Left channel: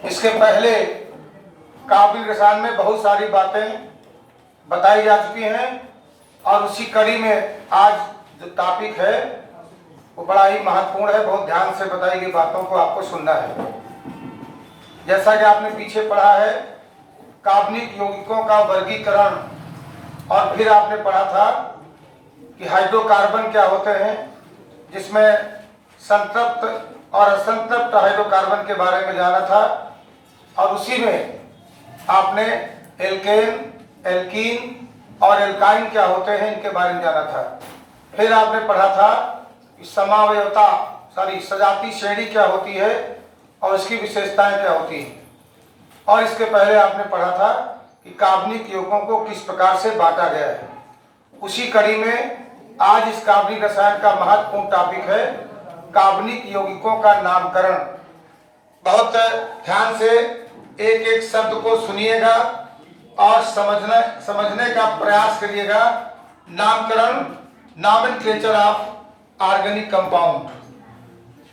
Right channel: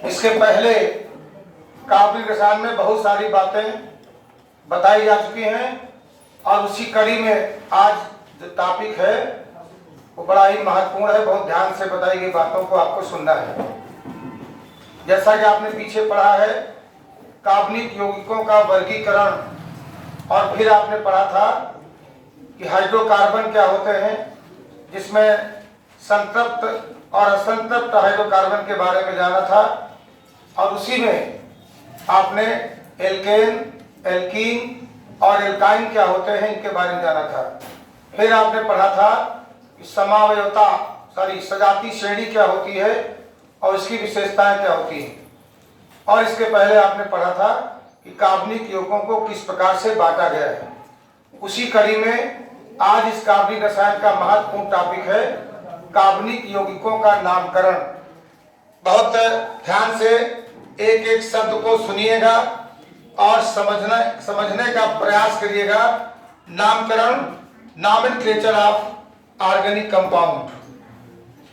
इसके पहले कार्बनिक रसायन में बहुत सारी बातें बताई जा चुकी हैं और उसी कड़ी में आज जो टॉपिक है वो बड़ा ही महत्वपूर्ण है। बहुत ध्यान से बताई गई बातों को आपको सुनना है। जैसा कि आपने पीछे पढ़ा है कार्बनिक यौगिकों का वर्गीकरण, और फिर आपने पढ़ा था कि हाइड्रोकार्बन क्या होते हैं, जिसमें संतृप्त और असंतृप्त हाइड्रोकार्बन के बारे में जाना था, और उसी में आपने एल्केन, एल्कीन और एल्काइन क्या होते हैं इनके बारे में जाना था। फिर आपने पढ़ा था कि समावयवता सजाती श्रेणी क्या होती है और इसकी विशेषताएं क्या होती हैं, और इसके पहले आपने पढ़ा था कि कार्बनिक यौगिकों को किस प्रकार से बांटा गया है। उसी कड़ी में आज इस कार्बनिक रसायन का महत्वपूर्ण टॉपिक है कार्बनिक यौगिकों का नामकरण। बहुत ध्यान से एक एक शब्द को सुनिएगा और समझने का प्रयास करिएगा। नामकरण, nomenclature of organic compound,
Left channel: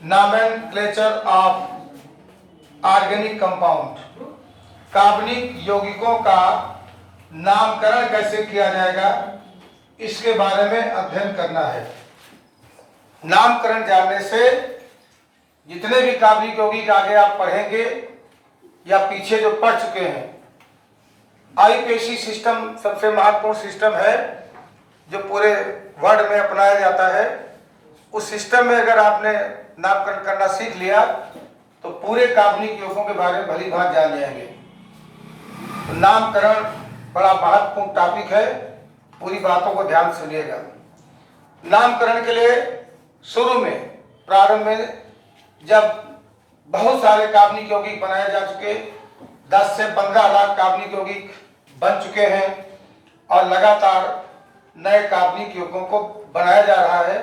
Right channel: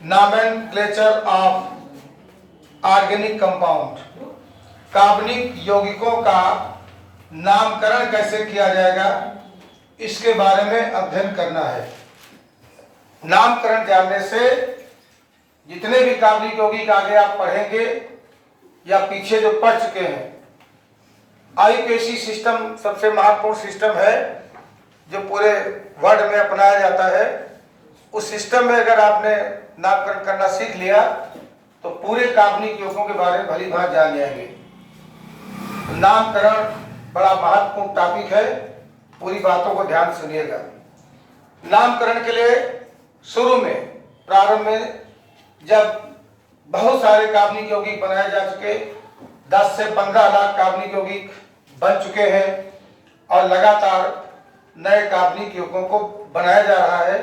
nomenclature of organic compound, कार्बनिक यौगिकों का नामकरण कैसे किया जाएगा इसके बारे में अध्ययन करना है। नामकरण जानने से जितने भी कार्बनिक यौगिक आगे आप पढ़ेंगे या पीछे जो पढ़ चुके हैं, आईपीएसी सिस्टम सबसे महत्वपूर्ण सिस्टम है जो पूरे वर्ल्ड में अपनाया जाता है। उस सिस्टम में अगर आपने नामकरण करना सीख लिया तो पूरे कार्बनिक यौगिकों के बारे में भली भांति जान जाएंगे। तो नामकरण बड़ा महत्वपूर्ण टॉपिक है, पूरी बातों को ध्यान से सुनिएगा। नामकरण के लिए शुरू में प्रारंभ में जब बहुत सारे कार्बनिक यौगिक बनाए जा चुके, 10 से 15 लाख कार्बनिक यौगिक बन चुके हैं और लगातार नए कार्बनिक यौगिकों को बनाया जा रहा है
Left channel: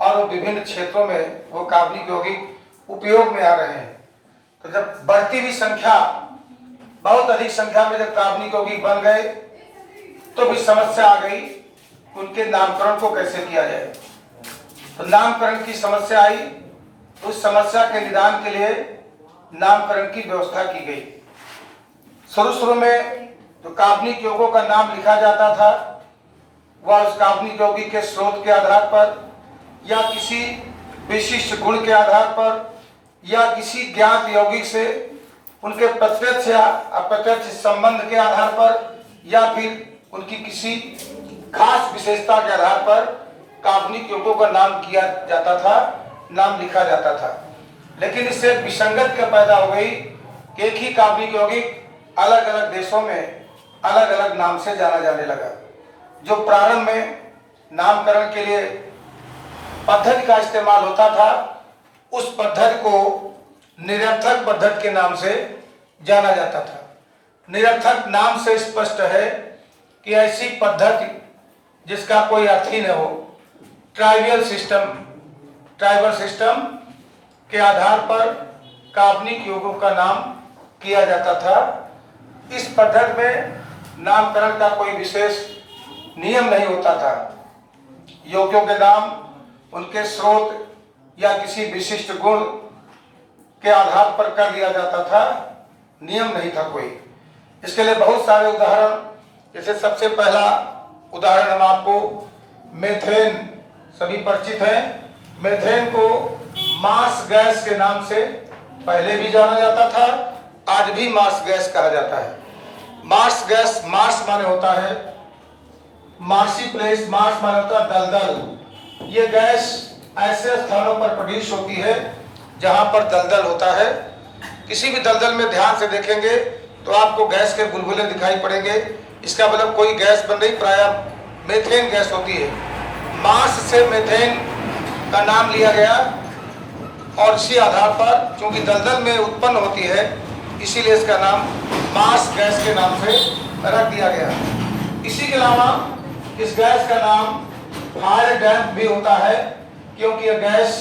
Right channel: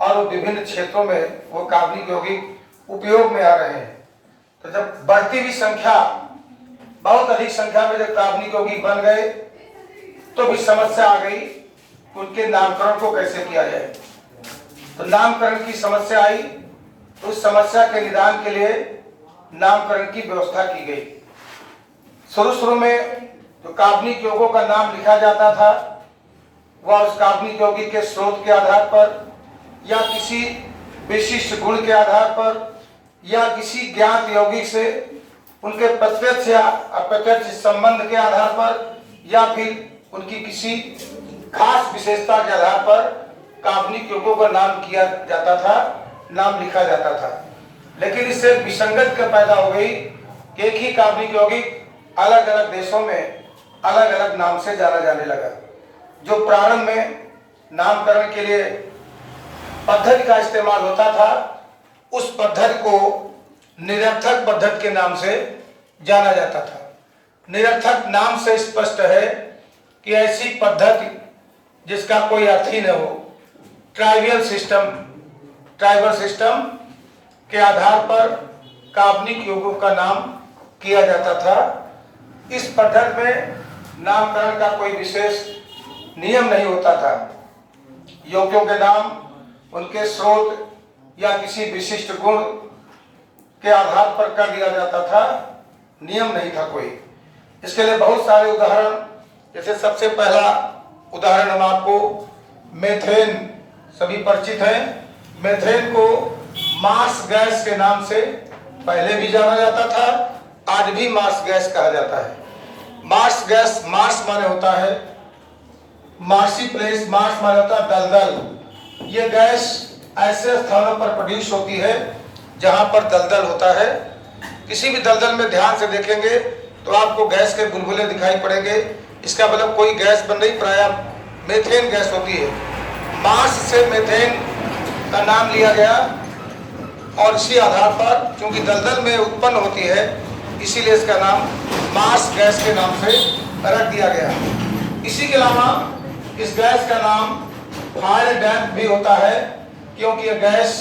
और वो विभिन्न क्षेत्रों में वो कार्बनिक यौगिक उपयोग में आ रहे हैं। तो जब बढ़ती हुई संख्या, बहुत अधिक संख्या में जब कार्बनिक यौगिक बन गए तो भी समस्या आ गई उनके नामकरण को कैसे किया जाए। तो नामकरण की समस्या आई, उस समस्या के निदान के लिए नामकरण की व्यवस्था की गई। शुरू में जो कार्बनिक यौगिकों का नाम लिखा जाता था वह उस कार्बनिक यौगिक के स्रोत के आधार पर या किसी विशिष्ट गुण के आधार पर या किसी ज्ञात यौगिक से उनके प्रत्यक्ष या अप्रत्यक्ष संबंध के आधार पर या फिर उनकी किसी खास विशेषता के आधार पर कार्बनिक यौगिकों का नाम किया जाता था, नाम लिखा जाता था। लेकिन इससे विसंगत क्या पैदा हो गई कि एक ही कार्बनिक यौगिक अलग अलग देशों में अलग अलग नाम से जाना जाने लगा। जो प्रारंभ में नामकरण के लिए पद्धति का इस्तेमाल होता था उस पद्धति को निरर्थक पद्धति के नाम से जाना जाता था। निरर्थक नाम से स्पष्ट है कि ऐसी पद्धति जिसका कोई अर्थ ही न हो, ट्राइबल सिस्टम के आधार पर कार्बनिक यौगिकों का नाम किया जाता था। इस पद्धति में नामकरण का कोई विशेष नियम नहीं होता था। यौगिकों के नाम उनके स्रोत या किसी विशिष्ट गुण के आधार पर कर दिया जाता था, नियम नहीं था कोई। इसके लिए बहुत सारे उदाहरण, जैसे सबसे पहला उदाहरण हम आपको मेथेन, सभी परिचित हैं। मेथेन को मार्स गैस के नाम से पहले भी जाना जाता था, आज भी मार्स गैस कहा जाता है। मार्स गैस, मार्स माने होता है मार्सी प्लेस, मार्स माने होता है दलदल। ये गैस ऐसे स्थानों पर प्रोड्यूस होती है जहां पर दलदल होता है। किसी भी दलदल में ध्यान से देखेंगे तो आपको गैस के बुलबुले दिखाई पड़ेंगे। इसका मतलब कोई गैस बन रही, प्रायः मेथेन गैस होती है। मार्स से मेथेन का नाम लिया गया और इसी आधार पर चूंकि दलदल में उत्पन्न होती है इसीलिए इसका नाम मार्स गैस के नाम से रख दिया गया। इसी के अलावा इस गैस का नाम फायर डैम्प भी होता है, क्योंकि यह गैस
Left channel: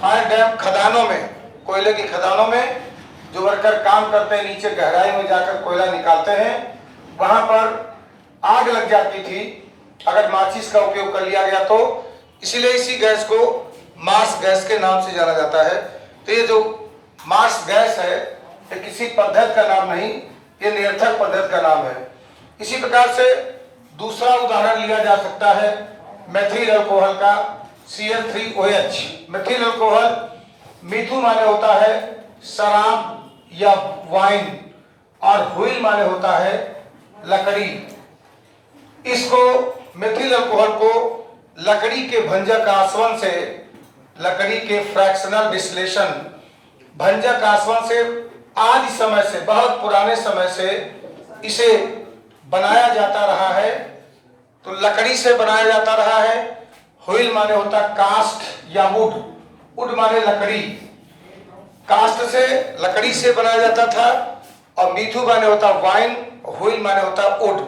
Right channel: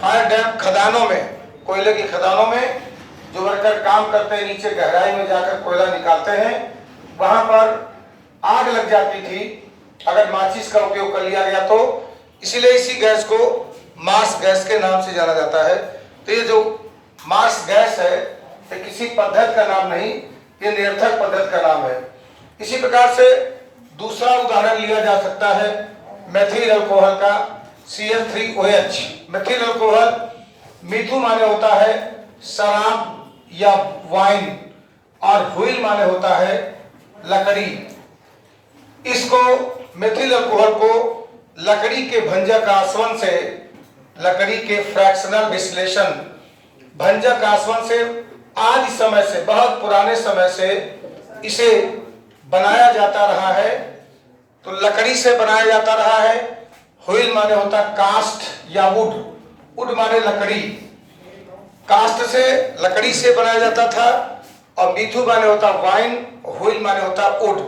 फायर डैम्प खदानों में, कोयले की खदानों में जो वर्कर काम करते हैं, नीचे गहराई में जाकर कोयला निकालते हैं, वहां पर आग लग जाती थी अगर माचिस का उपयोग कर लिया गया तो। इसीलिए इसी गैस को मार्स गैस के नाम से जाना जाता है। तो ये जो मार्स गैस है ये किसी किसी पद्धति का नाम नहीं, ये निरर्थक पद्धति का नाम है। इसी प्रकार से दूसरा उदाहरण लिया जा सकता है मेथिल अल्कोहल का, Cl3OH। मेथिल अल्कोहल, मिथु माने होता है शराब या वाइन, और व्हील माने होता है लकड़ी। इसको मेथिल अल्कोहल को लकड़ी के भंजक आसवन से, लकड़ी के फ्रैक्शनल डिस्टिलेशन भंजक आसवन से आदि समय से, बहुत पुराने समय से इसे बनाया जाता रहा है। तो लकड़ी से बनाया जाता रहा है। व्हील माने होता कास्ट या वुड, वुड माने लकड़ी, कास्ट से लकड़ी से बनाया जाता था। और मिथु माने होता वाइन, व्हील माने होता वुड।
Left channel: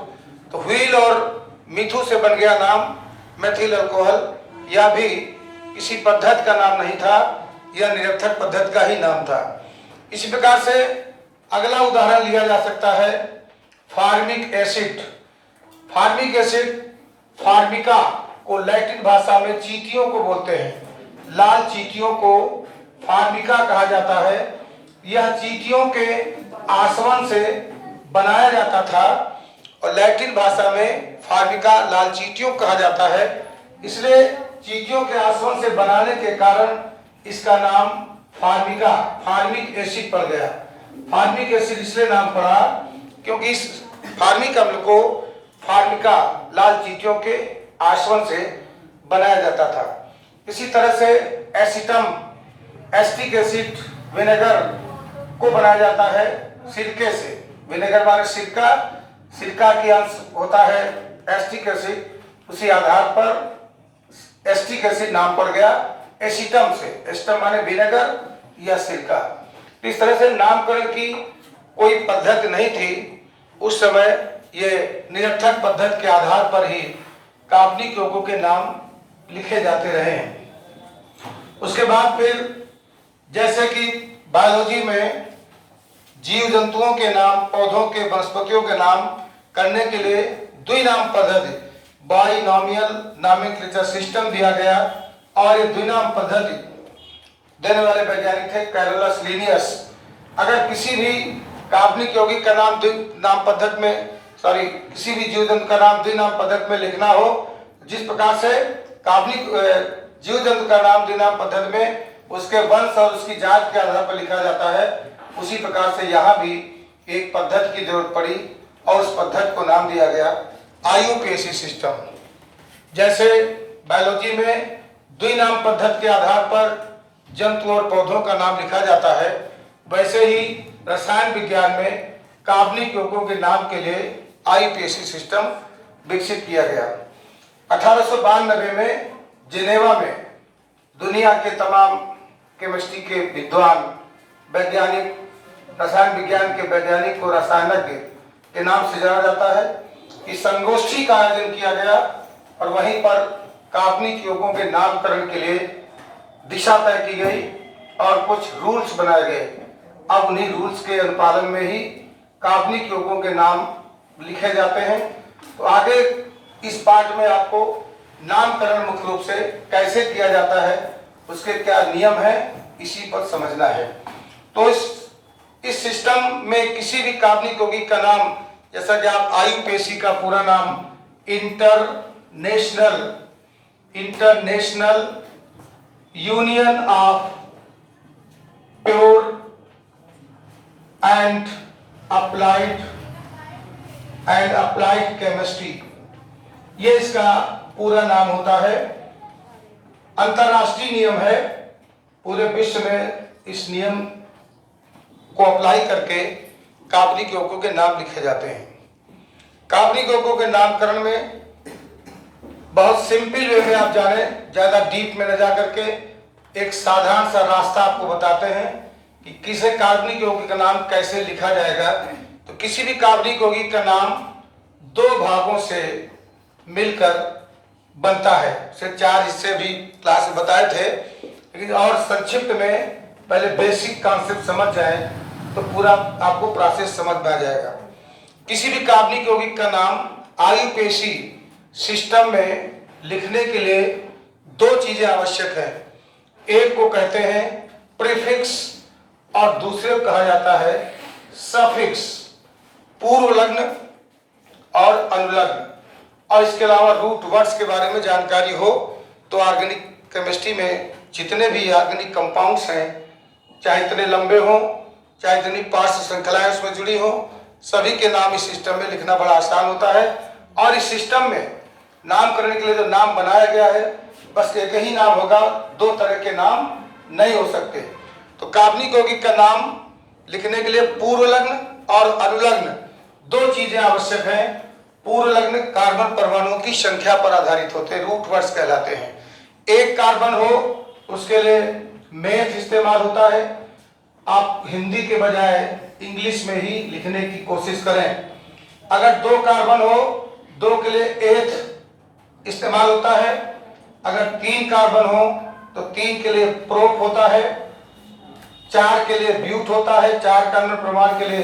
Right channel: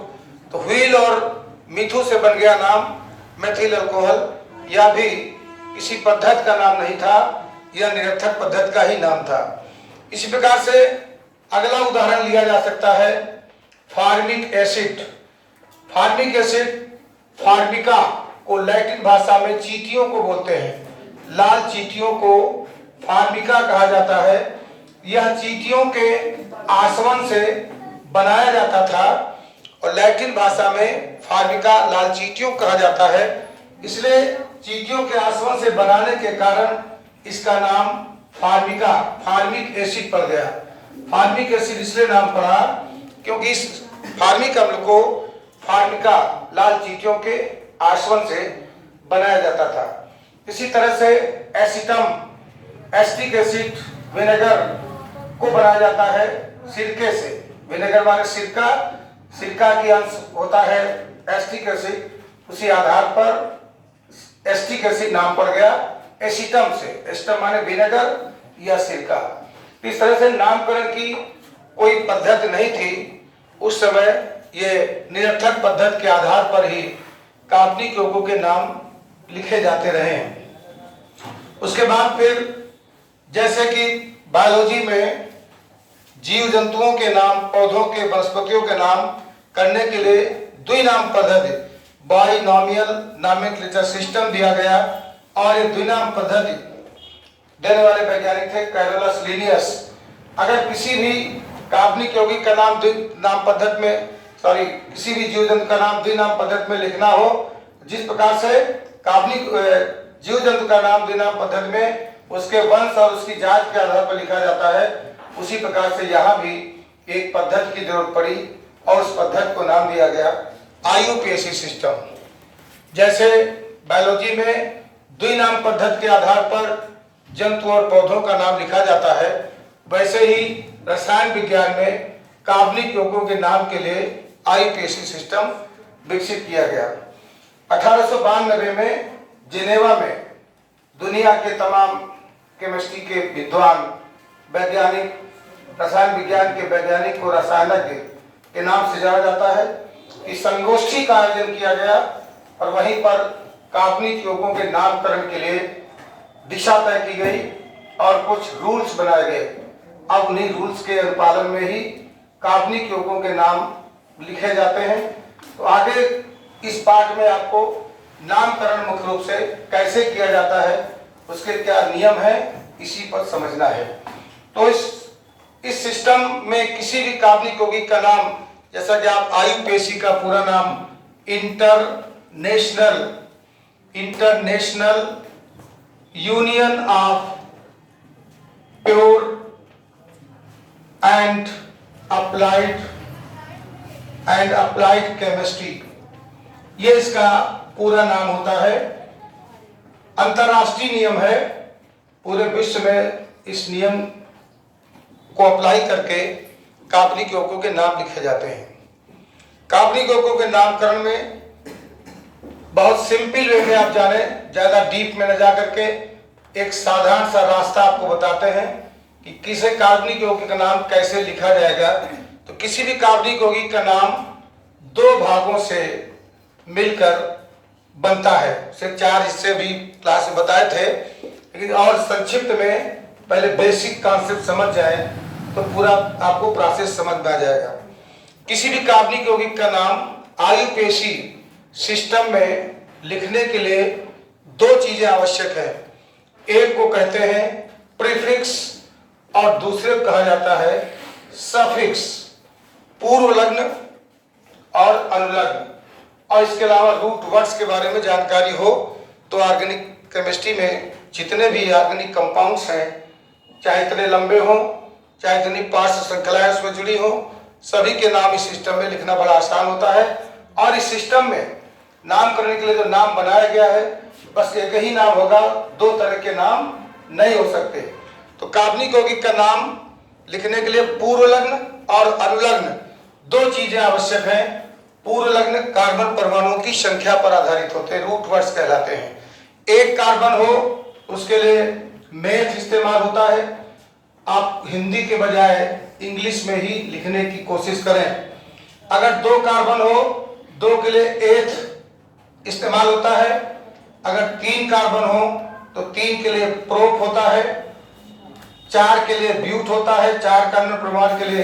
तो व्हील और मिथु से बन गया नाम मेथिल अल्कोहल। यह भी किसी पद्धति का नाम नहीं था, यह निरर्थक पद्धति का ही नाम था। इसी प्रकार से अगला उदाहरण लिया जा सकता है फार्मिक एसिड। फार्मिक एसिड, फार्मिका को लैटिन भाषा में चींटियों को बोलते हैं। लाल चींटियों को फार्मिका कहा जाता है। यह चींटियों के आसवन से बनाया जाता था और लैटिन भाषा में फार्मिका लाल चींटियों कहा जाता है। इसलिए चींटियों के आसवन से बनाने के कारण इसका नाम फार्मिका, फार्मिक एसिड पड़ गया। फार्मिक एसिड इसलिए नाम पड़ा क्योंकि इस फार्मिक अम्ल को फार्मिका लाल चींटियों के आसवन से बनाया जाता था। इसी तरह से एसिटम, एसिटिक एसिड, विनेगर को बनाया जाता है सिरके से। विनेगर माने सिरका, सिरका की अंश होता है एसिटिक एसिड। उसी आधार पर एसिटिक एसिड नाम पड़ गया एसिटम से। एसिटम माने विनेगर या सिरका। तो इस तरह से नामकरण की कोई पद्धति नहीं थी उस समय। ये निरर्थक पद्धति के आधार पर ही काल्पनिक लोगों के नाम लिखे जाते रहे हैं। उसके बाद फिर जैसे कि बायोलॉजी में जीव जंतुओं के नाम, पौधों के, वनस्पतियों के नाम करने के लिए द्विनाम पद्धति, बाइनोमियल नॉमेनक्लेचर सिस्टम दिया गया। और ये द्विनाम पद्धति देने वाले वैज्ञानिक थे कैरोलस लिनियस। अगर किसी भी काल्पनिक यौगिक का नाम द्विनाम पद्धति में, किसी भी जीव जंतु का नाम द्विनाम पद्धति में लिखना हो, जिस प्रकार से काल्पनिक जीव जंतु का नाम द्विनाम पद्धति में उसके वंश और उसकी जात के आधार पर लिखा जाता है, उसी प्रकार से यहाँ भी एक पद्धति की जरूरत पड़ी और उस पद्धति को नाम दिया गया IUPAC सिस्टम। जैसे बायोलॉजी में द्विनाम पद्धति के आधार पर जंतु और पौधों का नाम लिखा जाता है, वैसे ही रसायन विज्ञान में कार्बनिक यौगिकों के नाम के लिए IUPAC सिस्टम विकसित किया गया। 1892 में जिनेवा में दुनिया के तमाम केमिस्ट्री के विद्वान, वैज्ञानिक, रसायन विज्ञान के वैज्ञानिक को रसायनज्ञ के नाम से जाना जाता है कि संगोष्ठी का आयोजन किया गया और वहीं पर कार्बनिक यौगिकों के नामकरण के लिए दिशा तय की गई और कुछ रूल्स बनाए गए। अब उन्हीं रूल्स के अनुपालन में ही कार्बनिक यौगिकों के नाम लिखे जाते हैं। तो आगे इस पाठ में आपको नामकरण मुख्य रूप से कैसे किया जाता है, उसके क्या नियम है, इसी पर समझना है। तो इस सिस्टम में किसी भी कार्बनिक यौगिक का नाम, जैसा कि आप IUPAC का पूरा नाम international union of pure and applied chemistry, ये इसका पूरा नाम होता है। अंतरराष्ट्रीय नियम है, पूरे विश्व में इस नियम को अप्लाई करके कार्बनिक यौगिकों के नाम लिखे जाते हैं। कार्बनिक यौगिकों के नामकरण में बहुत सिंपल वे में आप जाने, ज्यादा डीप में न जा करके एक साधारण सा रास्ता आपको बताते हैं कि किसी कार्बनिक यौगिक का नाम कैसे लिखा जाएगा। तो किसी भी कार्बनिक यौगिक का नाम दो भागों से मिलकर बनता है। सिर्फ 4 हिस्से भी क्लास में बताए थे, लेकिन और संक्षिप्त में पहले बेसिक कॉन्सेप्ट समझ जाए तो पूरा आपको प्रोसेस समझ में आ जाएगा। किसी भी कार्बनिक यौगिक का नाम IUPAC सिस्टम में लिखने के लिए 2 चीजें आवश्यक है। एक को कहते हैं प्रीफिक्स और दूसरे को कहा जाता है सफिक्स, पूर्व लग्न और अनुलग्न, और इसके अलावा रूट वर्ड्स के बारे में जानकारी हो तो ऑर्गेनिक केमिस्ट्री में जितने भी ऑर्गेनिक कंपाउंड्स हैं, चाहे इतने लंबे हों, चाहे इतनी पार्श्व श्रृंखलाएं उसमें जुड़ी हो, सभी के नाम इस सिस्टम में लिखना बड़ा आसान होता है। और इस सिस्टम में नामकरण के लिए जो नाम बनाया गया है, बस एक ही नाम होगा, दो तरह के नाम नहीं हो सकते। तो कार्बनिक यौगिक का नाम लिखने के लिए पूर्व लग्न और अनुलग्न दो चीजें आवश्यक हैं। पूर्व लग्न कार्बन परमाणुओं की संख्या पर आधारित होते हैं, रूट वर्ड्स कहलाते हैं। एक कार्बन हो उसके लिए मेथ इस्तेमाल होता है। आप हिंदी के बजाय इंग्लिश में ही लिखने की कोशिश करें। अगर दो कार्बन हो, दो के लिए एथ इस्तेमाल होता है। अगर तीन कार्बन हो तो तीन के लिए प्रोप होता है। चार के लिए ब्यूट होता है, चार कार्बन परमाणु के लिए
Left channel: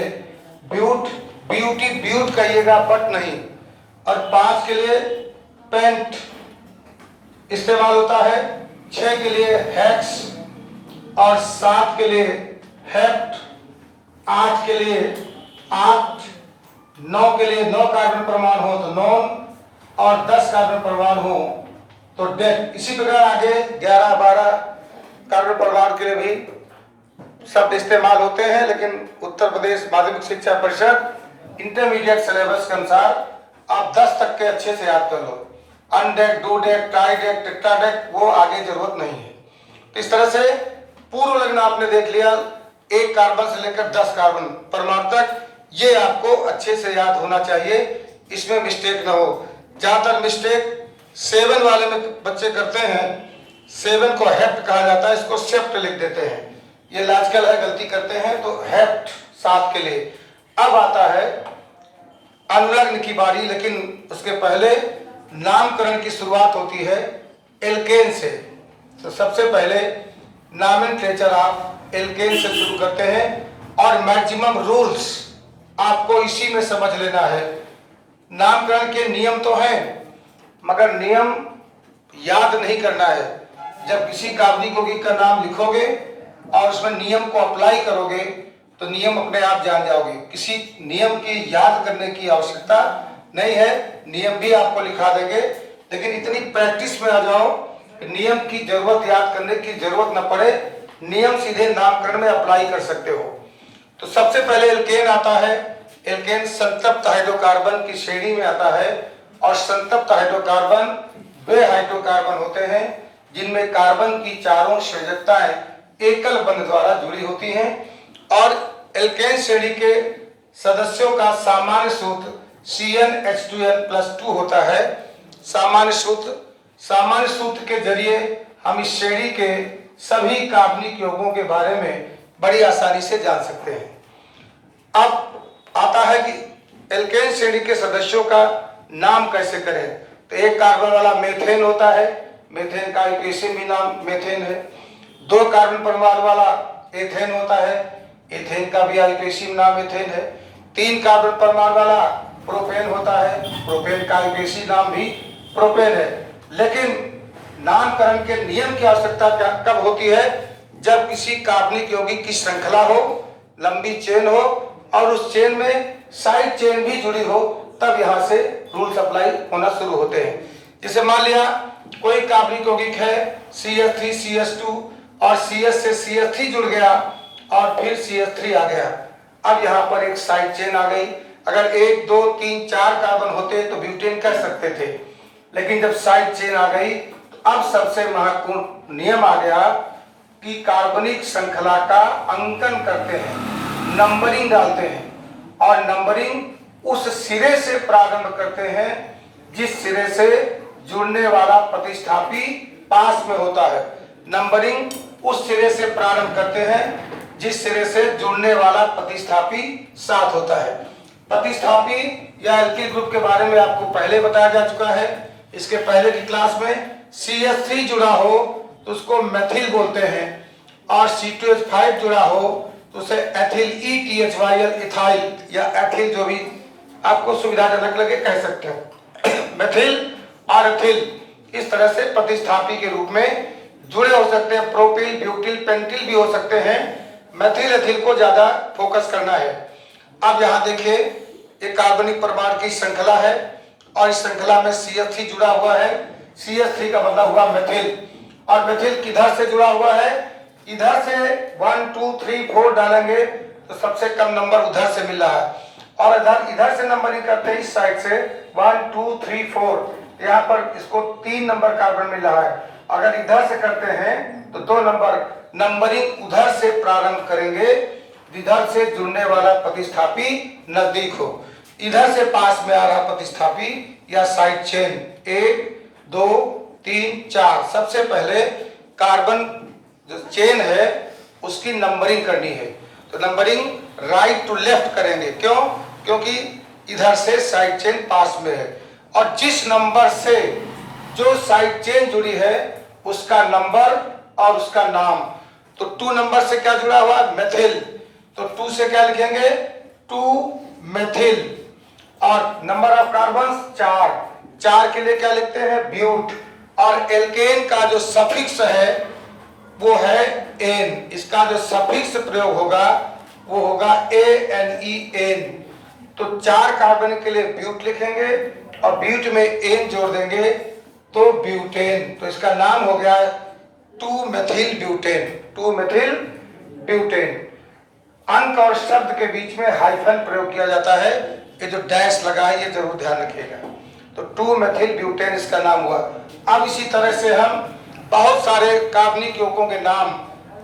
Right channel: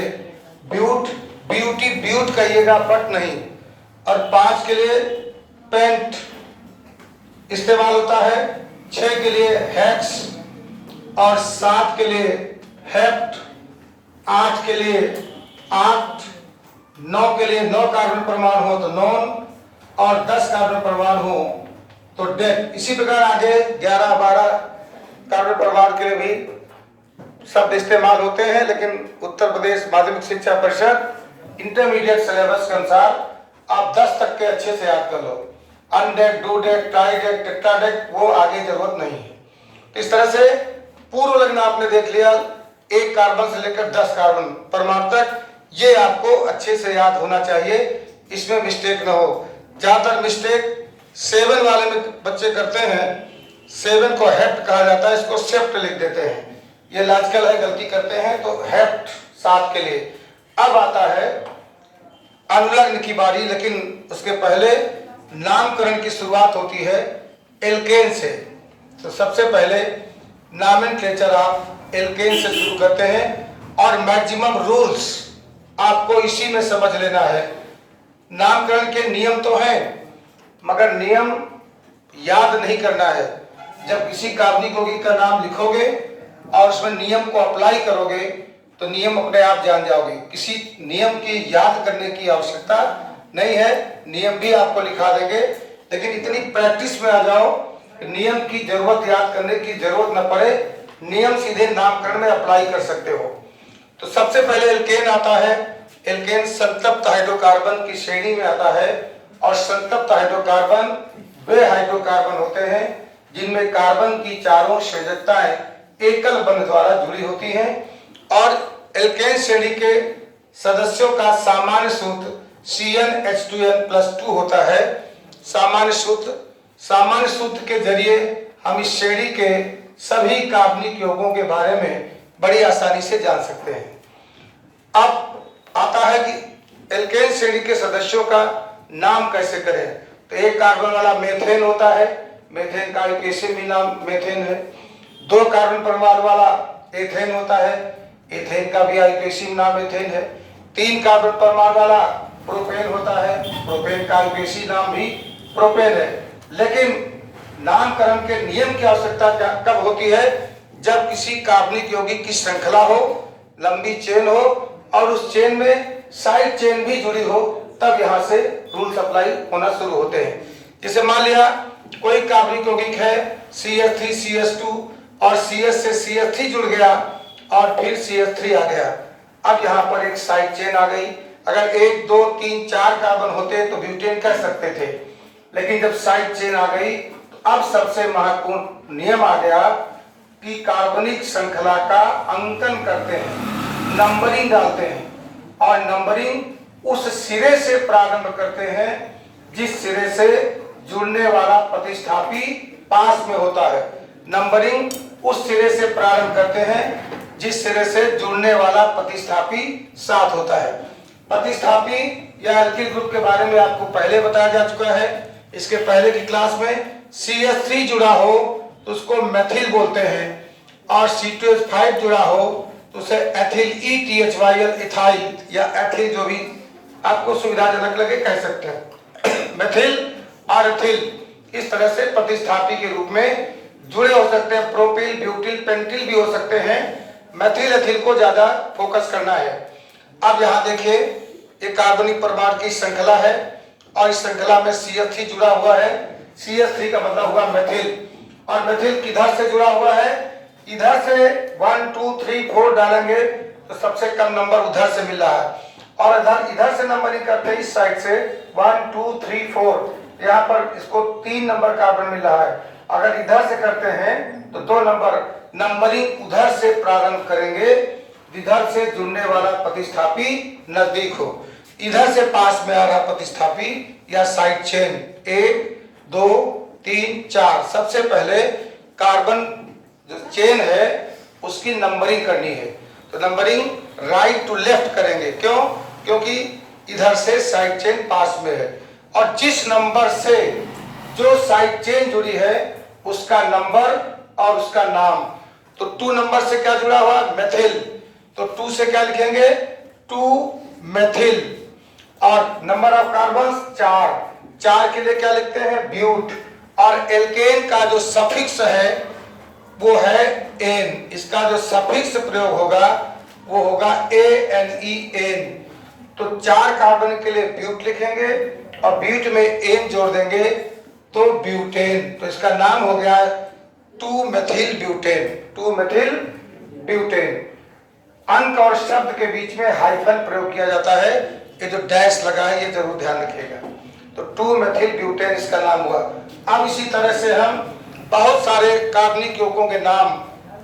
ब्यूट, ब्यूटी ब्यूट कहिएगा बट नहीं। और पांच के लिए पेंट इस्तेमाल होता है। छह के लिए हेक्स और सात के लिए हेप्ट, आठ के लिए आठ, नौ के लिए नौ कार्बन परमाणु हो तो नॉन, और 10 कार्बन परमाणु हो तो डेक। इसी प्रकार आगे 11-12 कार्बन परमाणु के लिए भी शब्द इस्तेमाल होते हैं, लेकिन उत्तर प्रदेश माध्यमिक शिक्षा परिषद इंटरमीडिएट सिलेबस के अनुसार आप 10 तक के अच्छे से याद कर लो। अनडेक, डूडेक, ट्राइडेक, टेट्राडेक, वो आगे जरूरत नहीं है। तो इस तरह से पूर्व लग्न आपने देख लिया, एक कार्बन से लेकर 10 कार्बन परमाणु तक, ये आपको अच्छे से याद होना चाहिए, इसमें मिस्टेक ना हो। ज्यादातर मिस्टेक 7 वाले में बच्चे करते हैं। 7 को हेप्ट कहा जाता है, इसको सेप्ट लिख देते हैं, ये लॉजिकल है, गलती करते हैं। तो हेप्ट 7 के लिए। अब आता है अनुलग्न की बारी, लेकिन उसके पहले नामकरण की शुरुआत होती है एल्केन से। तो सबसे पहले नॉमेनक्लेचर आप एल्केन से शुरू करते हैं और मैक्सिमम रूल्स आपको इसी में समझ लेना है। नामकरण के नियम तो हैं, मगर नियम याद नहीं करना है। जब किसी कार्बनिक यौगिक का नाम लिखोगे और उसमें नियम को अप्लाई करोगे तो नियम अपने आप जान जाओगे। किसी नियम की याद करने की आवश्यकता नहीं है, नियम भी आपको लिखा देंगे, लेकिन इतनी प्रैक्टिस में आ जाओ कि नियम की जरूरत याद करने की जरूरत न पड़े, नियम सीधे नामकरण में अप्लाई कर सकते हो। तो सबसे पहले एल्केन आता है। एल्केन संतप्त हाइड्रोकार्बन की श्रेणी में आता है, और संतप्त हाइड्रोकार्बन वे हाइड्रोकार्बन होते हैं जिनमें कार्बन की चारों संयोजकताएं एकल बंध द्वारा जुड़ी होती हैं। और एल्केन श्रेणी के सदस्यों का सामान्य सूत्र CnH2n+2 होता है। सामान्य सूत्र के जरिए हम इस श्रेणी के सभी कार्बनिक यौगों के बारे में बड़ी आसानी से जान सकते हैं। अब आता है कि एल्केन श्रेणी के सदस्यों का नाम कैसे करें। तो एक कार्बन वाला मेथेन होता है, मेथेन का एक एसिड भी नाम मेथेन है। दो कार्बन परमाणु वाला एथेन होता है, एथेन का भी आइसोटोप नाम एथेन है। तीन कार्बन परमाणु वाला प्रोपेन होता है, प्रोपेन का आइसोटोप नाम भी प्रोपेन है। लेकिन नामकरण के नियम की आवश्यकता कब होती है, जब किसी कार्बनिक यौगिक की श्रृंखला हो, लंबी चेन हो और उस चेन में साइड चेन भी जुड़ी हो, तब यहाँ से रूल्स अप्लाई होना शुरू होते हैं। जैसे मान लिया कोई कार्बनिक यौगिक है CH3 CH2 और CH से CH3 जुड़ गया और फिर CH3 आ गया। अब यहाँ पर एक साइड चेन आ गई। अगर 1 2 3 4 कार्बन होते तो ब्यूटेन कह सकते थे, लेकिन जब साइड चेन आ गई तो अब सबसे महत्वपूर्ण नियम आ गया कि कार्बनिक श्रृंखला का अंकन करते हैं, नंबरिंग डालते हैं, और नंबरिंग उस सिरे से प्रारंभ करते हैं जिस सिरे से जुड़ने वाला प्रतिस्थापी पास में होता है। नंबरिंग उस सिरे से प्रारंभ करते हैं जिस सिरे से जुड़ने वाला प्रतिस्थापी साथ होता है। प्रतिस्थापी या एल्किल ग्रुप के बारे में आपको पहले बताया जा चुका है। इसके पहले की क्लास में CH3 जुड़ा हो तो उसको मेथिल बोलते हैं, और C2H5 जुड़ा हो तो उसे एथिल ETHYL इथाइल या एथिल, जो भी आपको सुविधाजनक लगे कह सकते हैं। मेथिल और एथिल इस तरह से प्रतिस्थापी के रूप में जुड़े हो सकते हैं। प्रोपिल, ब्यूटिल, पेंटिल भी हो सकते हैं। मेथिल एथिल को ज्यादा फोकस करना है। अब यहाँ देखिए एक कार्बनिक परमाणु की श्रृंखला है और इस श्रृंखला में CH3 जुड़ा हुआ है। CH3 का मतलब हुआ मेथिल, और मेथिल किधर से जुड़ा हुआ है? इधर से 1 2 3 4 डालेंगे तो सबसे कम नंबर उधर से मिल रहा है, और इधर से नंबरिंग करते हैं इस साइड से 1 2 3 4, यहाँ पर इसको 3 नंबर कार्बन मिल रहा है। अगर इधर से करते हैं तो 2 नंबर। नंबरिंग उधर से प्रारंभ करेंगे इधर से जुड़ने वाला प्रतिस्थापी नजदीक हो। इधर से पास में आ रहा प्रतिस्थापी या साइड चेन 1 2 3 4, सबसे पहले कार्बन जो चेन है उसकी नंबरिंग करनी है। तो नंबरिंग राइट टू लेफ्ट करेंगे। क्यों? क्योंकि इधर से साइड चेन पास में है, और जिस नंबर से जो साइड चेन जुड़ी है उसका नंबर और उसका नाम। तो 2 नंबर से क्या जुड़ा हुआ? मेथिल। तो 2 से क्या लिखेंगे? 2 मेथिल। और नंबर ऑफ कार्बन 4, 4 के लिए क्या लिखते हैं? ब्यूट। और एल्केन का जो सफिक्स है वो है एन, इसका जो सफिक्स प्रयोग होगा वो होगा ANEN। तो 4 कार्बन के लिए ब्यूट लिखेंगे और ब्यूट में एन जोड़ देंगे तो ब्यूटेन। तो इसका नाम हो गया 2 मेथिल ब्यूटेन, 2 मेथिल ब्यूटेन। अंक और शब्द के बीच में हाइफन प्रयोग किया जाता है, ये जो डैश लगा है ये जरूर ध्यान रखिएगा। तो 2 मेथिल ब्यूटेन इसका नाम हुआ। अब इसी तरह से हम बहुत सारे कार्बनिक यौगिकों के नाम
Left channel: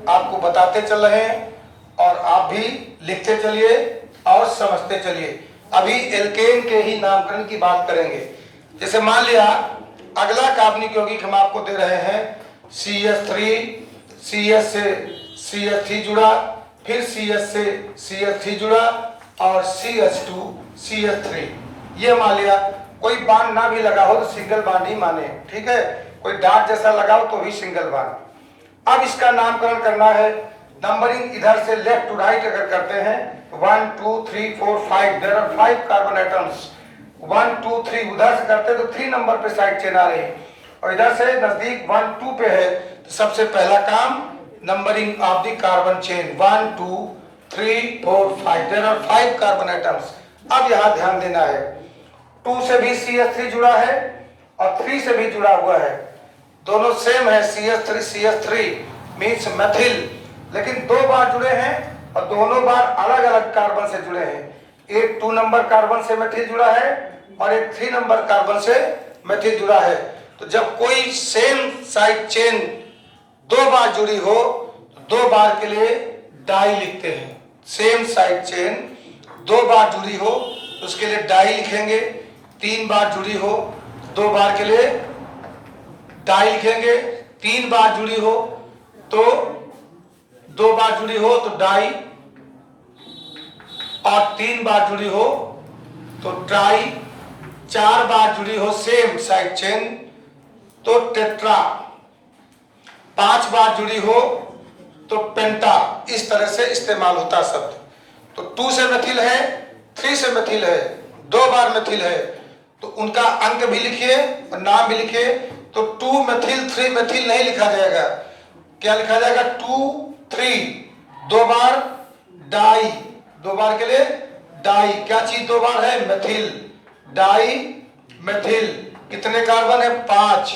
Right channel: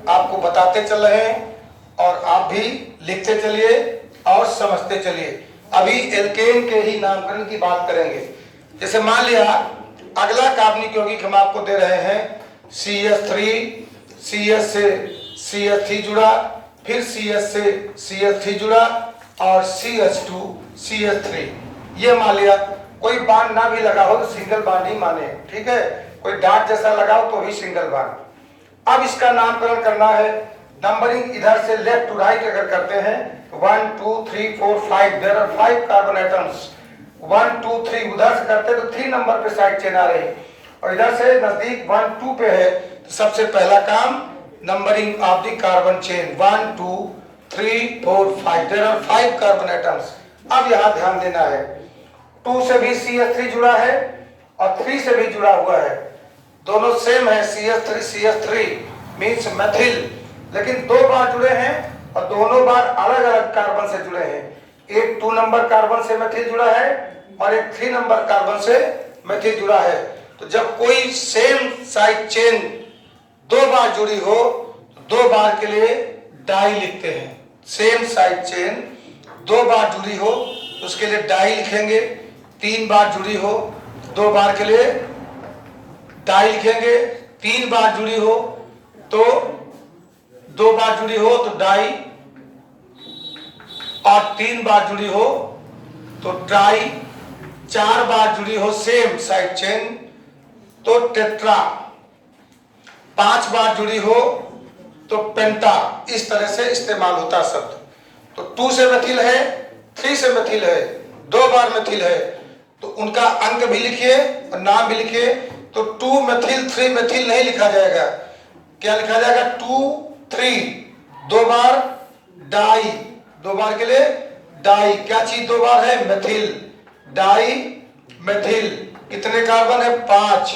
आपको बताते चल रहे हैं और आप भी लिखते चलिए और समझते चलिए। अभी एल्केन के ही नामकरण की बात करेंगे। जैसे मान लिया अगला कार्बनिक यौगिक हम आपको दे रहे हैं CH3, CH से CH3 जुड़ा, फिर CH से CH3 जुड़ा और CH2 CH3। ये मान लिया कोई बांड ना भी लगा हो तो सिंगल बांड ही माने, ठीक है। कोई डॉट जैसा लगाओ तो भी सिंगल बांड। अब इसका नामकरण करना है। नंबरिंग इधर से लेफ्ट टू राइट अगर करते हैं 1 2 3 4 5, देयर आर 5 कार्बन एटम्स। 1 2 3 उधर से करते तो 3 नंबर पे साइड चेन आ रही, और इधर से नजदीक 1 2 पे है तो सबसे पहला काम numbering of the carbon chain 1 2 3 4 5, there are 5 carbon atoms. अब यहाँ ध्यान देना है 2 से भी CH3 जुड़ा है और 3 से भी जुड़ा हुआ है, दोनों सेम है CH3 मीन्स मेथिल, लेकिन 2 बार जुड़े हैं और दोनों बार अलग अलग कार्बन से जुड़े हैं। एक 2 नंबर कार्बन से मेथिल जुड़ा है और एक 3 नंबर कार्बन से मेथिल जुड़ा है। तो जब कोई सेम साइड चेन 2 बार जुड़ी हो तो 2 बार के लिए डाई लिखते हैं। सेम साइड चेन 2 बार जुड़ी हो तो उसके लिए डाई लिखेंगे। 3 बार जुड़ी हो 2 बार के लिए डाई लिखेंगे। 3 बार जुड़ी हो तो 2 बार जुड़ी हो तो डाई, और 3 बार जुड़ी हो तो ट्राई, 4 बार जुड़ी हो सेम साइड चेन तो टेट्रा, 5 बार जुड़ी हो तो पेंटा। इस तरह से इस्तेमाल होता शब्द। तो 2 से मेथिल है, 3 से मेथिल है, 2 बार मेथिल है, तो उनका अंक भी लिखिए और नाम भी लिखिए। तो 2 मेथिल 3 मेथिल नहीं लिखा जाएगा, क्या लिखा जाएगा? 2 3, 2 बार डाई, 2 बार के लिए डाई। क्या चीज 2 बार है? Methyl, di methyl. कितने कार्बन है? 5,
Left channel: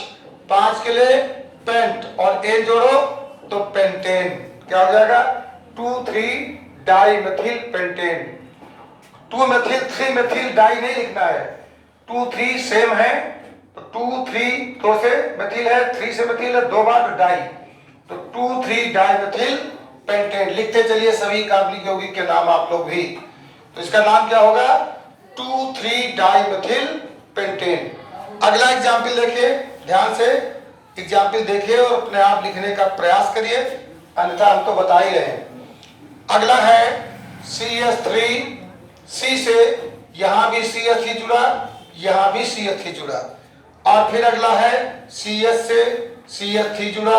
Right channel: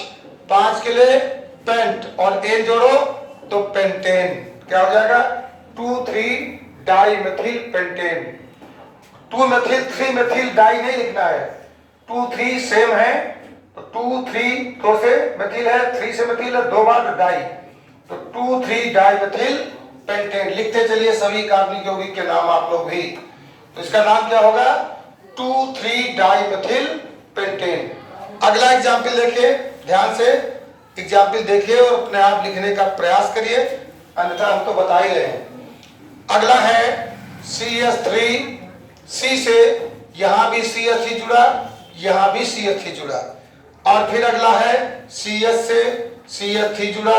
5 के लिए पेंट और एन जोड़ो तो पेंटेन। क्या हो जाएगा? 2 3 di methyl pentane. 2 methyl 3 methyl di नहीं लिखना है, 2 3 सेम है तो 2 3 2 से मेथिल है, 3 से मेथिल है, 2 बार डाई, तो 2 3 डाई मेथिल पेंटेन। लिखते चलिए सभी कार्बनिक यौगिक के नाम आप लोग भी। तो इसका नाम क्या होगा? 2 3 डाई मेथिल पेंटेन। अगला एग्जाम्पल देखिए ध्यान से, एग्जाम्पल देखिए और अपने आप लिखने का प्रयास करिए, अन्यथा हम तो बता ही रहे हैं। अगला है CH3, C से यहां भी CH3 जुड़ा, यहां भी CH3 जुड़ा, और फिर अगला है CH से CH3 जुड़ा,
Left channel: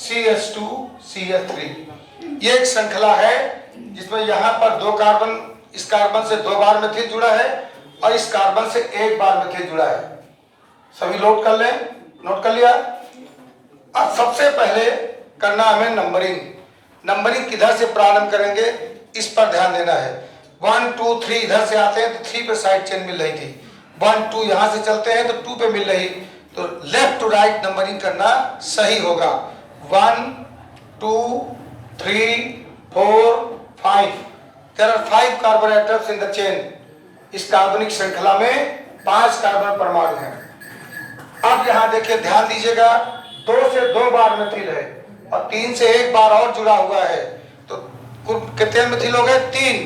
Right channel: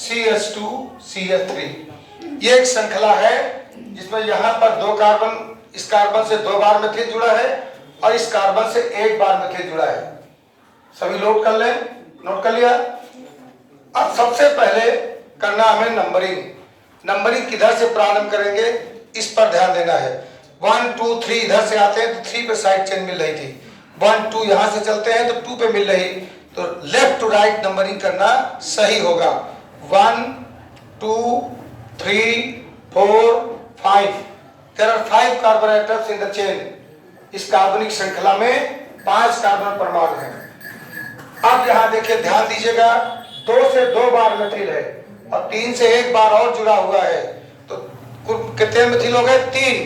CH2 CH3। ये एक श्रृंखला है जिसमें यहां पर 2 कार्बन, इस कार्बन से 2 बार मेथिल जुड़ा है और इस कार्बन से 1 बार मेथिल जुड़ा है। सभी नोट कर लें, नोट कर लिया। अब सबसे पहले करना हमें नंबरिंग। नंबरिंग किधर से प्रारंभ करेंगे इस पर ध्यान देना है। 1 2 3 इधर से आते हैं तो 3 पे साइड चेन मिल रही थी, 1 2 यहां से चलते हैं तो 2 पे मिल रही, तो लेफ्ट टू राइट नंबरिंग करना सही होगा। 1 2 3 4 5। There are 5 carbon atoms in the chain. इस कार्बनिक श्रृंखला में 5 कार्बन परमाणु हैं। अब यहां देखिए, ध्यान दीजिएगा, 2 से 2 बार मिथिल है और 3 से 1 बार और जुड़ा हुआ है, तो कुल कितने मिथिल हो गए? 3।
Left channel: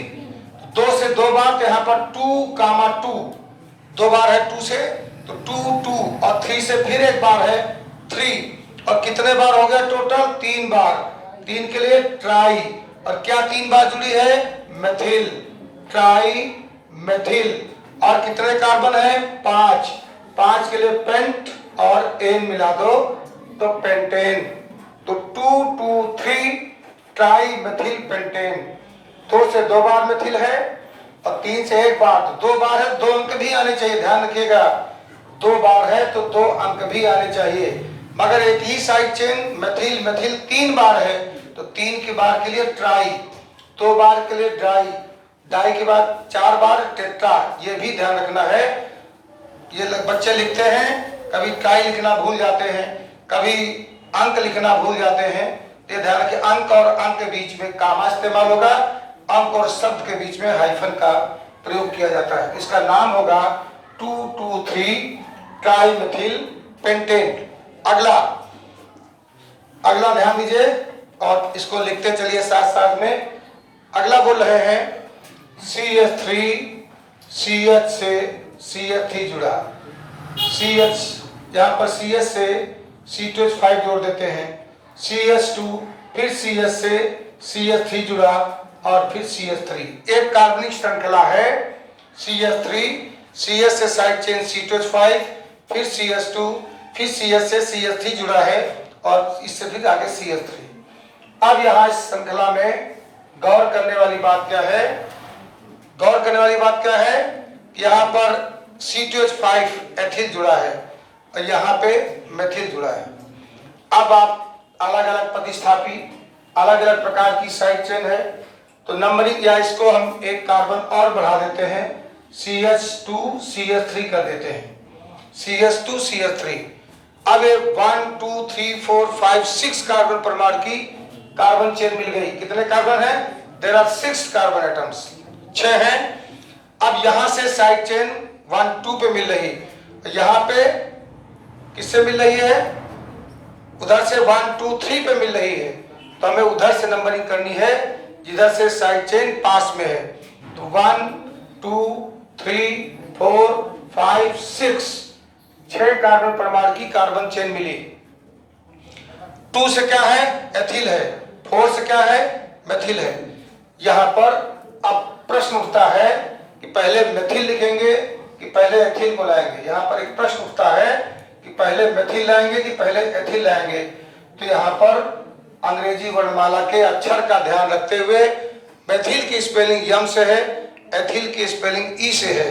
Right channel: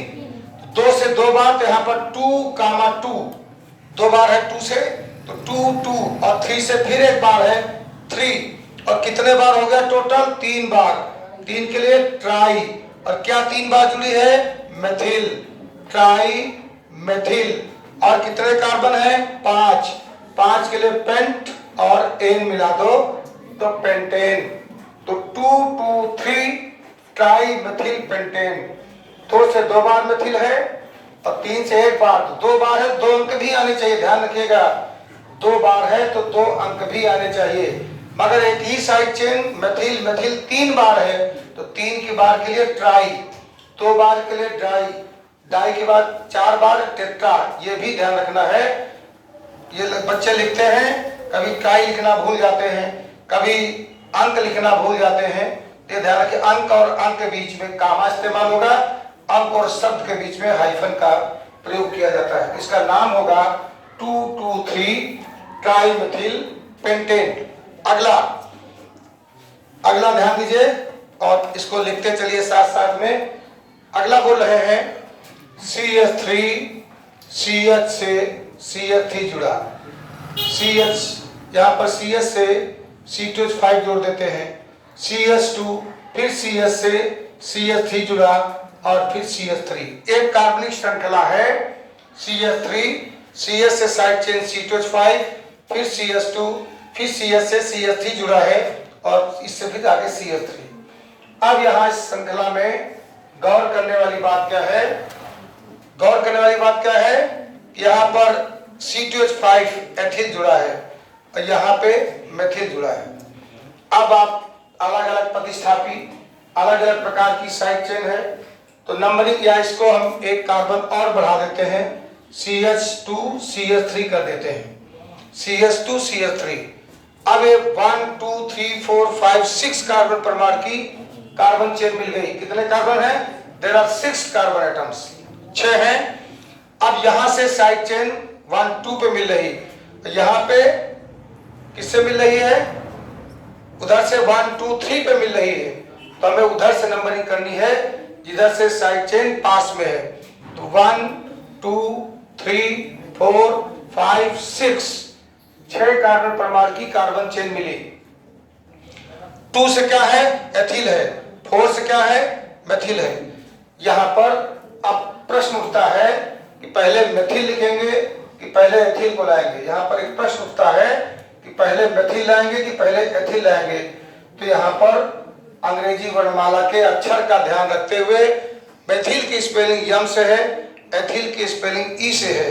2 से 2 बार, तो यहाँ पर 2, 2 बार है 2 से, तो 2 2, और 3 से फिर 1 बार है 3, और कितने बार हो गया टोटल? 3 बार। 3 के लिए ट्राई, और क्या 3 बार जुड़ी है? Methyl, try methyl. और कितने कार्बन है? 5। 5 के लिए पेंट और एन मिला दो तो पेंटेन, तो 2 2 3 ट्राई मेथिल पेंटेन। 2 से 2 बार मेथिल है और 3 से 1 बार, तो 2 बार है, 2 अंक भी आने चाहिए, ध्यान रखिएगा, 2 बार है तो 2 अंक भी आने चाहिए। मगर एक ही साइड चेन मेथिल मेथिल 3 बार है, तो 3 की बार के लिए ट्राई, 2 बार के लिए डाई, डाई के बाद 4 बार टेट्रा, ये भी ध्यान रखना है। ये बच्चे लिखते हैं, कभी ट्राई लिखना भूल जाते हैं, कभी अंक लिखना भूल जाते हैं, ये ध्यान रखिए, अंक और अंक के बीच में कामा इस्तेमाल होगा, अंक और शब्द के बीच में हाइफन का प्रयोग किया जाता है। इसका नाम होगा 2 2 3 ट्राई मेथिल पेंटेन। अगला ध्यान दीजिए और इसको लिखते चलिए साथ साथ में। अगला बोल रहे हैं CH3 CH से CH3 जुड़ा, CH यहाँ पर CH से C2H5 जोड़ देते हैं, CH2 फिर CH से CH3 जुड़ा और फिर CH3। एक कार्बनिक श्रृंखला है CH3, CH से साइड चेन C2H5, फिर CH2, फिर CH से CH3 जुड़ा है और इससे फिर आगे CH3। अब यहाँ इस श्रृंखला में गौर करने वाली बात क्या है? गौर करने वाली बात क्या है? यहाँ पर C2H5 एथिल जुड़ा है और यहाँ पे मेथिल जुड़ा है। अब आप अलग अलग प्रतिस्थापी, अलग अलग प्रकार की साइड चेन है, तो नंबरिंग या इसको हम एक कार्बन और बढ़ा देते हैं, CH2 CH3 कर देते हैं, CH2 CH3। अब 1 2 3 4 5 6 कार्बन परमाणु की कार्बन चेन मिल गई। कितने कार्बन है? देयर आर 6 कार्बन एटम्स, 6 हैं। अब यहां से साइड चेन 1 2 पे मिल रही, यहां पे किससे मिल रही है? उधर से 1 2 3 पे मिल रही है, तो हमें उधर से नंबरिंग करनी है जिधर से साइड चेन पास में है। तो 1 2 3 4 5 6, 6 कार्बन परमाणु की कार्बन चेन मिली। 2 से क्या है? एथिल है, 4 से क्या है? मेथिल है। यहां पर अब प्रश्न उठता है कि पहले मेथिल लिखेंगे कि पहले एथिल को लाएंगे। यहाँ पर एक प्रश्न उठता है कि पहले मेथिल लाएंगे कि पहले एथिल लाएंगे। तो यहाँ पर अंग्रेजी वर्णमाला के अक्षर का ध्यान रखते हुए मेथिल की स्पेलिंग यम से है, एथिल की स्पेलिंग ई से है।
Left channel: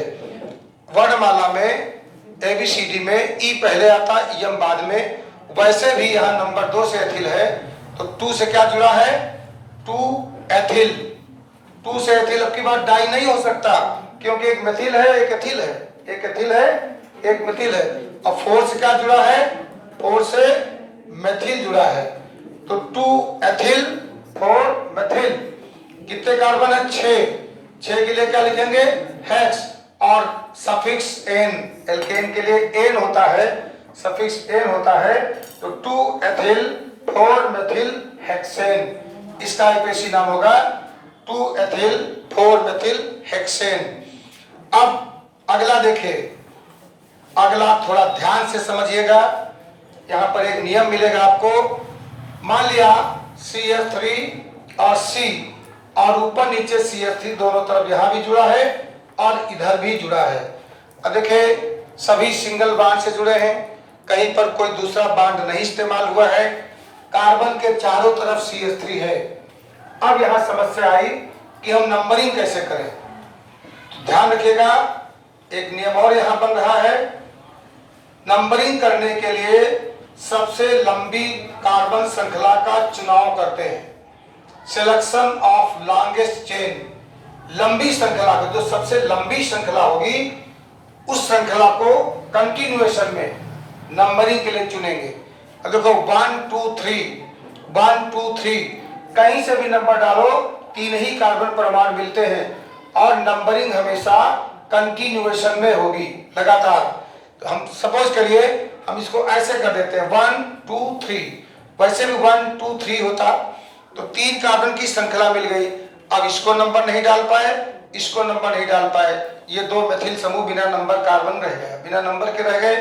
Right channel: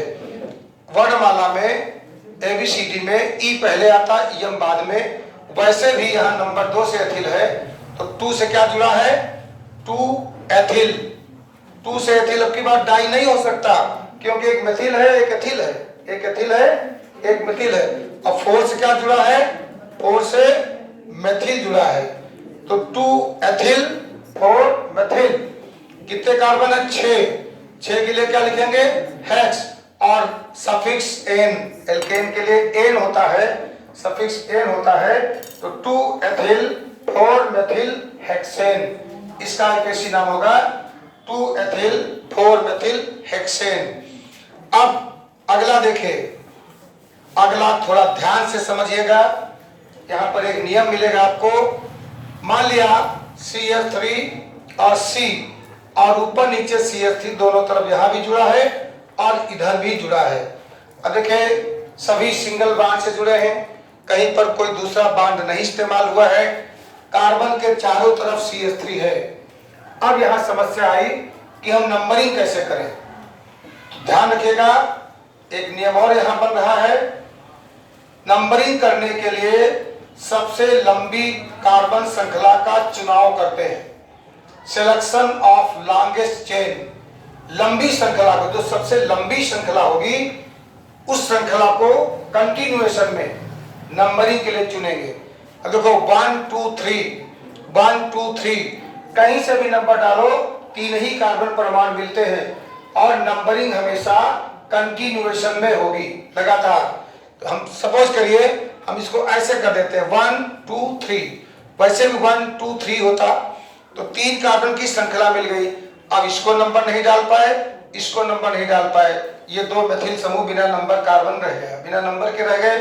वर्णमाला में ABCD में ई पहले आता, यम बाद में। वैसे भी यहाँ नंबर 2 से एथिल है, तो 2 से क्या जुड़ा है? 2 एथिल। 2 से एथिल अब की बार डाई नहीं हो सकता, क्योंकि एक मेथिल है एक एथिल है, एक एथिल है एक मेथिल है। अब 4 से क्या जुड़ा है? 4 से मेथिल जुड़ा है, तो 2 एथिल 4 मेथिल। कितने कार्बन है? 6। 6 के लिए क्या लिखेंगे? हेक्स, और सफिक्स एन, एल्केन के लिए एन होता है, सफिक्स एन होता है, तो 2 एथिल 4 मेथिल हेक्सेन। इसका आईपीसी नाम होगा 2 एथिल 4 मेथिल हेक्सेन। अब अगला देखिए, अगला थोड़ा ध्यान से समझिएगा। यहाँ पर एक नियम मिलेगा आपको। मान लिया CH3 और C, और ऊपर नीचे CH3 दोनों तरफ यहाँ भी जुड़ा है और इधर भी जुड़ा है। अब देखिए, सभी सिंगल बॉन्ड से जुड़े हैं, कहीं पर कोई दूसरा बॉन्ड नहीं इस्तेमाल हुआ है। कार्बन के चारों तरफ CH3 है। अब यहाँ समस्या आई कि हम नंबरिंग कैसे करें। तो ध्यान रखिएगा, एक नियम और यहाँ बन रहा है। नंबरिंग करने के लिए सबसे लंबी कार्बन श्रृंखला का चुनाव करते हैं, सिलेक्शन ऑफ लॉन्गेस्ट चेन। लंबी श्रृंखला को, जो सबसे लंबी श्रृंखला होगी उस श्रृंखला को कंटिन्यूएशन में नंबरिंग के लिए चुनेंगे। अब देखो 1 2 3 1 2 3, कहीं से भी नंबर डालो, तीन ही कार्बन परमाणु मिलते हैं और नंबरिंग हमेशा कंटिन्यूएशन में होगी, लगातार। तो हम सपोज करिए हम इसको ऐसे कर देते हैं 1 2 3, वैसे भी 1 2 3 होता तो तीन कार्बन की श्रृंखला मिल गई। अब इसको नंबर नहीं डाल पाए, इसको नंबर नहीं डाल पाए, ये दो मेथिल समूह बिना नंबर कार्बन रह गए, बिना नंबर के रह गए।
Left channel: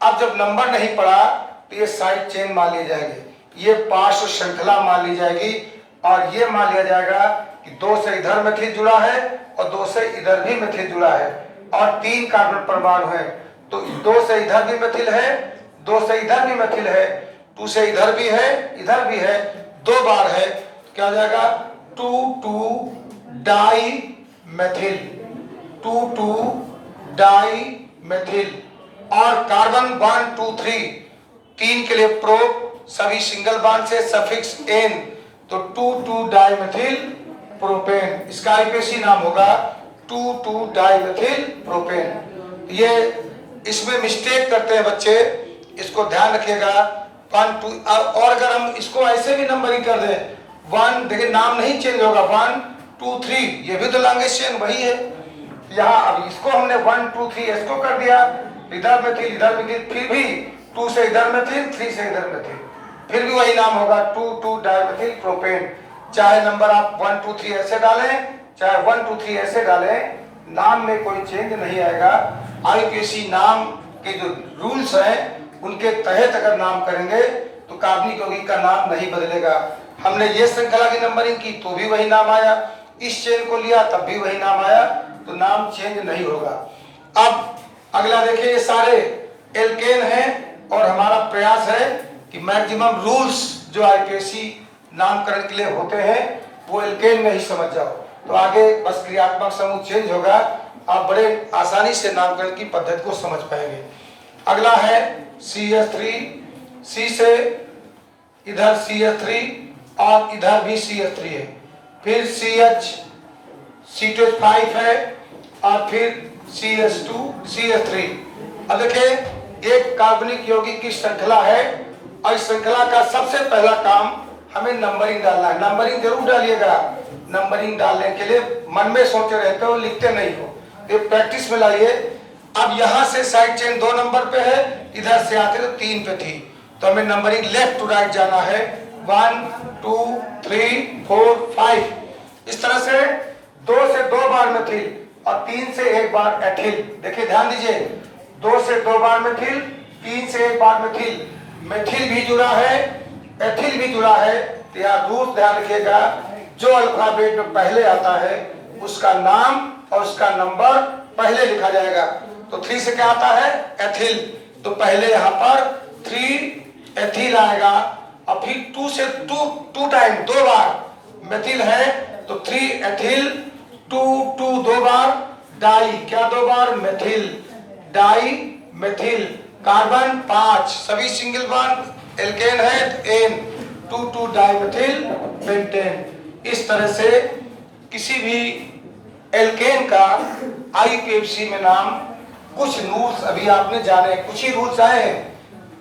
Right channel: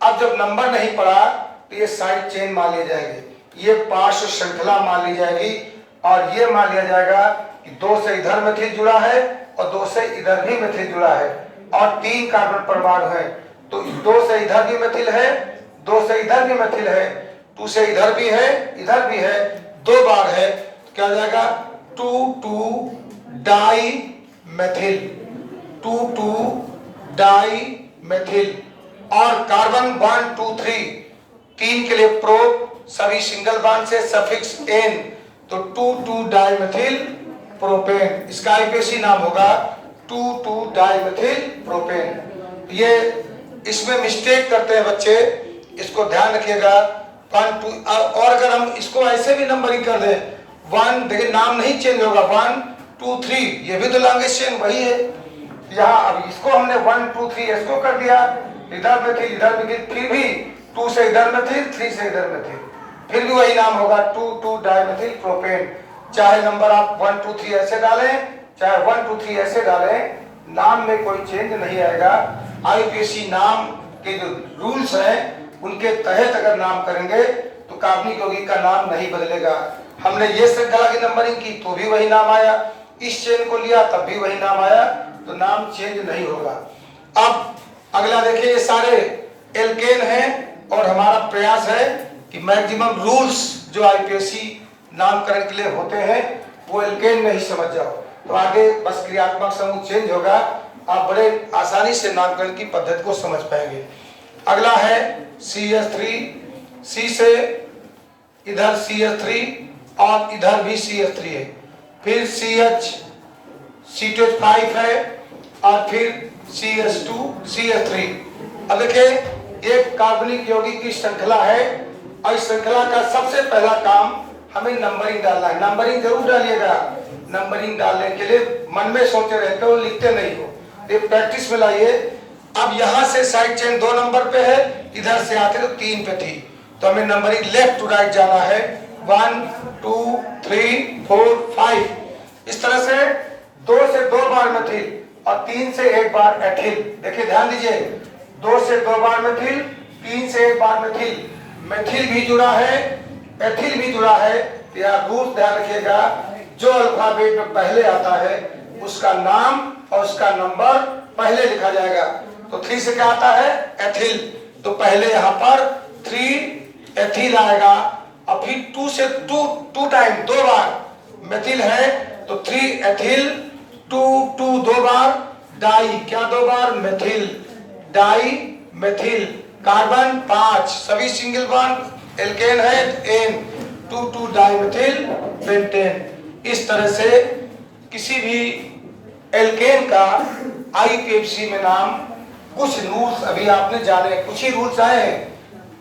अब जब नंबर नहीं पड़ा तो ये साइड चेन मान ली जाएगी, ये पार्श्व श्रृंखला मान ली जाएगी और ये मान लिया जाएगा कि दो से इधर मेथिल जुड़ा है और दो से इधर भी मेथिल जुड़ा है और तीन कार्बन परमाणु है, तो दो से इधर भी मेथिल है, दो से इधर भी मेथिल है, टू से इधर भी है, इधर भी है, दो बार है, क्या हो जाएगा 2 डाई मेथिल, 2 डाई मेथिल। और कार्बन 1 2 3 तीन के लिए प्रोप, सभी सिंगल बॉन्ड से सफिक्स एन, तो 2 डाई मेथिल प्रोपेन, इसका आईपीएसी नाम होगा 2 डाई मेथिल प्रोपेन। ये इसमें मिस्टेक करते हैं बच्चे, इसको ध्यान रखिएगा। 1 2, और अगर हम इसको ऐसे भी नंबरिंग कर दें 1, देखिए नाम नहीं चेंज होगा, 1 2 3, ये भी तो लॉन्गेस्ट चेन वही है। यहाँ अब इसको हमने 1 2 3 इसको कर दिया, इधर मेथिल इधर मेथिल, फिर भी 2 से इधर मेथिल, 3 से इधर मेथिल, फिर भी वही नाम होगा 2 डाइमेथिल प्रोपेन। चाहे नंबर आप 1 2 3 ऐसे डालें, चाहे 1 2 3 ऐसे डालें, नाम में कोई चेंज नहीं आएगा। आईपीएसी नाम के जो रूल्स हैं उनके तहत अगर नाम करेंगे तो कार्बनिक यौगिक का नाम नहीं बदलेगा। हमने ये श्रृंखला की नंबरिंग की तो भी वही नाम आया, इस चेन को लिया तब भी वही नाम आया, तो नाम चेंज नहीं होगा। अब अगला देखिए, ये सारे एल्केन हैं और हमारा प्रयास है कि मैक्सिमम रूल्स जो आईपीएसी नामकरण के लिए होते हैं वो एल्केन में ही समझ जाओ, तो आगे बस क्रियात्मक समूह चेंज होगा, आप बड़े आसानी से नामकरण की पद्धति को समझ पाएंगे। अगला है CH3, C से इधर CH3 और इधर भी CH3 है, फिर C2H5 है और फिर CH2 CH3। अब देखिए एक कार्बनिक यौगिक की श्रृंखला है और इस श्रृंखला का सबसे पहला काम हमें नंबरिंग डालना है। नंबरिंग जरूर डालिएगा, नंबरिंग डालने के लिए मन में सोचते रहते हो, लिखते नहीं हो, ये प्रैक्टिस में लाइए। अब यहाँ से साइड चेन 2 नंबर पे है, इधर से आते तो 3 पे थी, तो हमें नंबरिंग लेफ्ट टू राइट जाना है, 1 2 3 4 5। इस तरह से 2 से 2 बार मेथिल और 3 से 1 बार एथिल। देखिए ध्यान दीजिए, 2 से 2 बार मेथिल, 3 से 1 बार मेथिल, मेथिल भी जुड़ा है, एथिल भी जुड़ा है। तो यहाँ रूल ध्यान रखिएगा, जो अल्फाबेट में पहले आता है उसका नाम और उसका नंबर पहले लिखा जाएगा। तो 3 से क्या आता है एथिल, तो पहले यहाँ पर 3 एथिल आएगा और फिर 2 से 2 टाइम 2 बार मेथिल है, तो 3 एथिल, 2 2 बार डाई, क्या 2 बार मेथिल, डाई मेथिल। कार्बन 5, सभी सिंगल बॉन्ड एल्केन है, एन, 2 डाइमेथिल पेंटेन। इस तरह से किसी भी एल्केन का आईपीएफसी में नाम, कुछ रूल्स अभी आपने जाने, कुछ ही रूल्स आए हैं,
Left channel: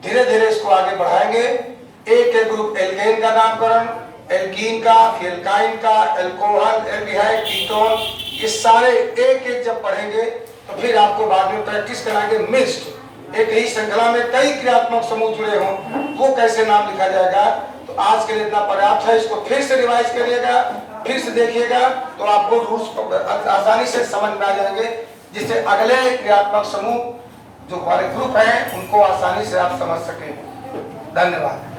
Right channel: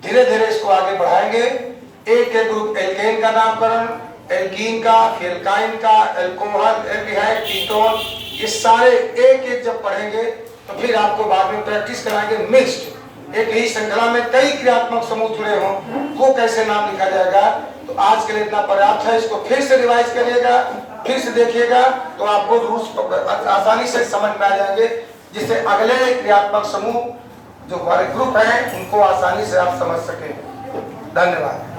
धीरे धीरे इसको आगे बढ़ाएंगे। एक एक ग्रुप एल्केन का नामकरण, एल्कीन का, एल्काइन का, एल्कोहल, एल्डिहाइड, कीटोन, ये सारे एक एक जब पढ़ेंगे तो फिर आपको बाद में प्रैक्टिस कराएंगे। मिक्स्ड एक ही श्रृंखला में कई क्रियात्मक समूह जुड़े हों, वो कैसे नाम लिखा जाएगा। तो आज के लिए इतना पर्याप्त है, इसको फिर से रिवाइज करिएगा, फिर से देखिएगा, तो आपको रूल्स आसानी से समझ में आ जाएंगे, जिससे अगले क्रियात्मक समूह जो हमारे ग्रुप हैं उनको आसानी से आप समझ सकें। धन्यवाद।